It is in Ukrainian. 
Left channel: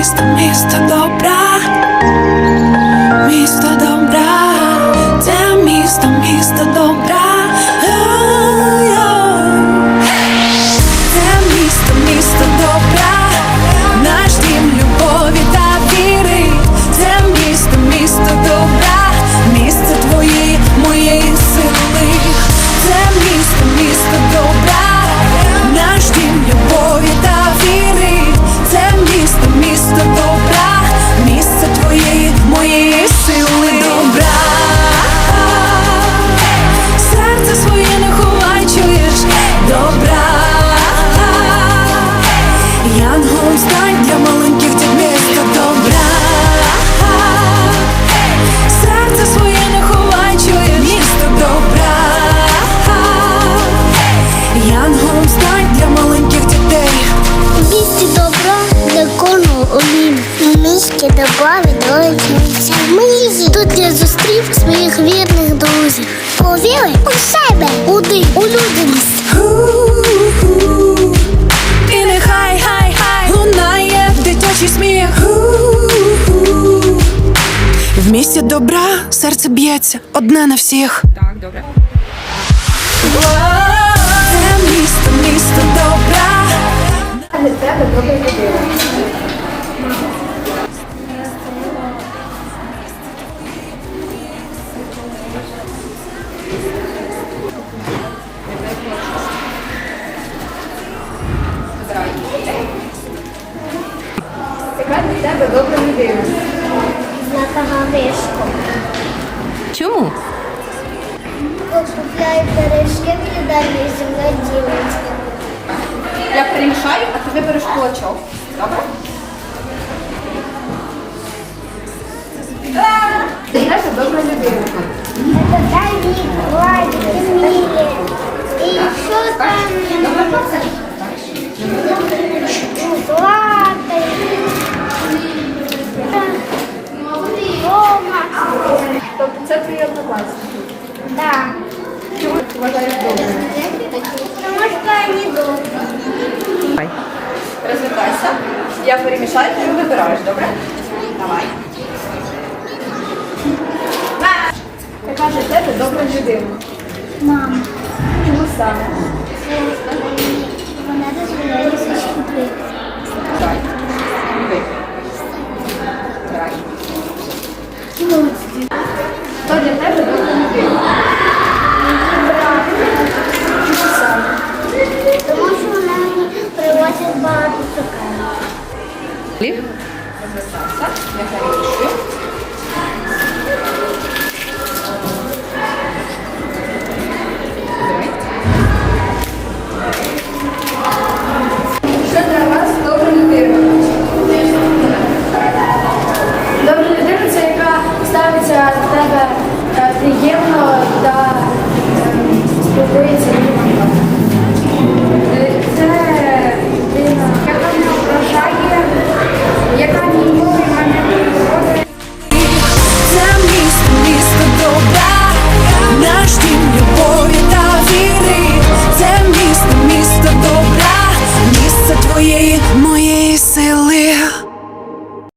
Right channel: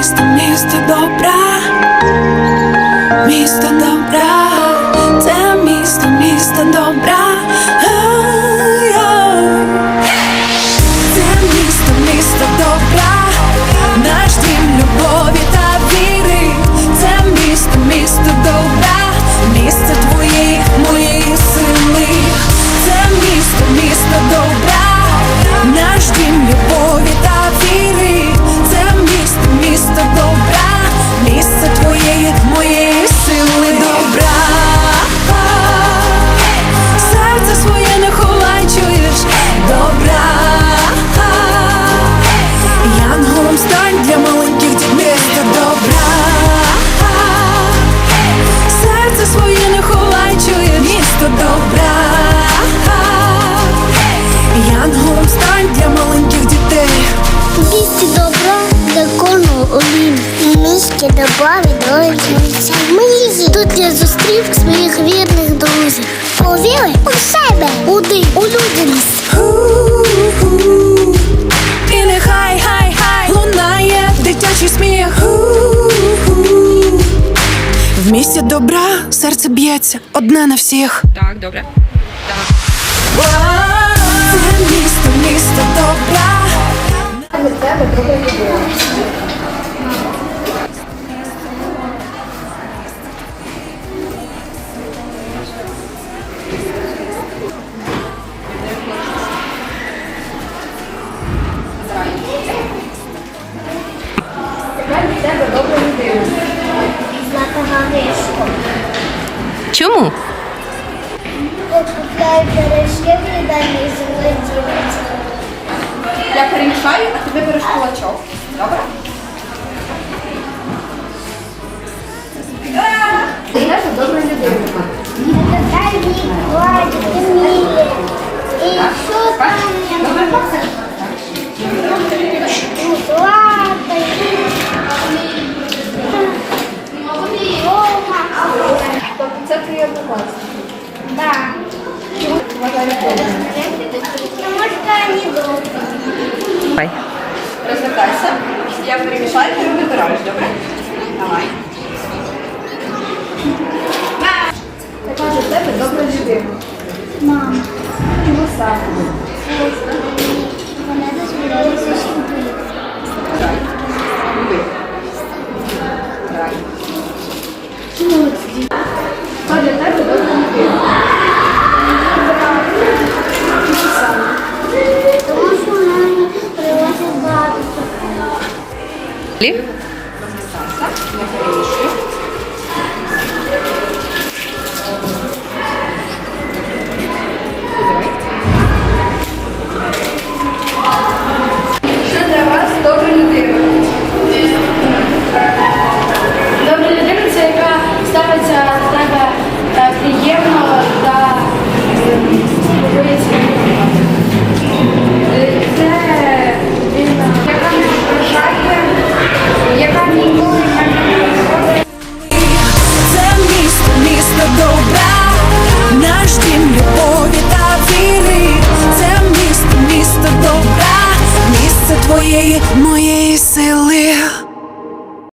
місто, місто добра, місто добра, це місто, місто добра. Це місто, місто добра, наш дім любові сили добра. Серце своє не ховай, чуєш добра. Янголом стань для маленьких дітей місто добра. Серце своє не ховай, чуєш місто добра. Янголом стань для маленьких дітей. У місті добра для олім. Місті добра відроджується мрії. Тут я зустрів своїх вірних друзів. Повіри у себе, у людяність. І нехай хай хай лунає дитячий сміх. В місті добра серце б'ється одне на всіх. Так, добре. Це Златого вишку. Чому? Купляють дорожки в їдальні землі ділиться. Я перемішаю, а ти вибереш кулачок. Добре? Знаєте, добра людина. Это дальний Владик, Эмилия. И что там? Ну, Злата. и- Рома. Тобто це твої однокласники. Да. Чому ти вважаєш добрим? Потому недолго. Давай. Розвертайся. Я перемішаю, ты вибираєш, добре? Давай. Така ж тебе добра людина? Мама. Чому саме? Вона дозволяє Лі? Добра, місце твоєї, моєї сили.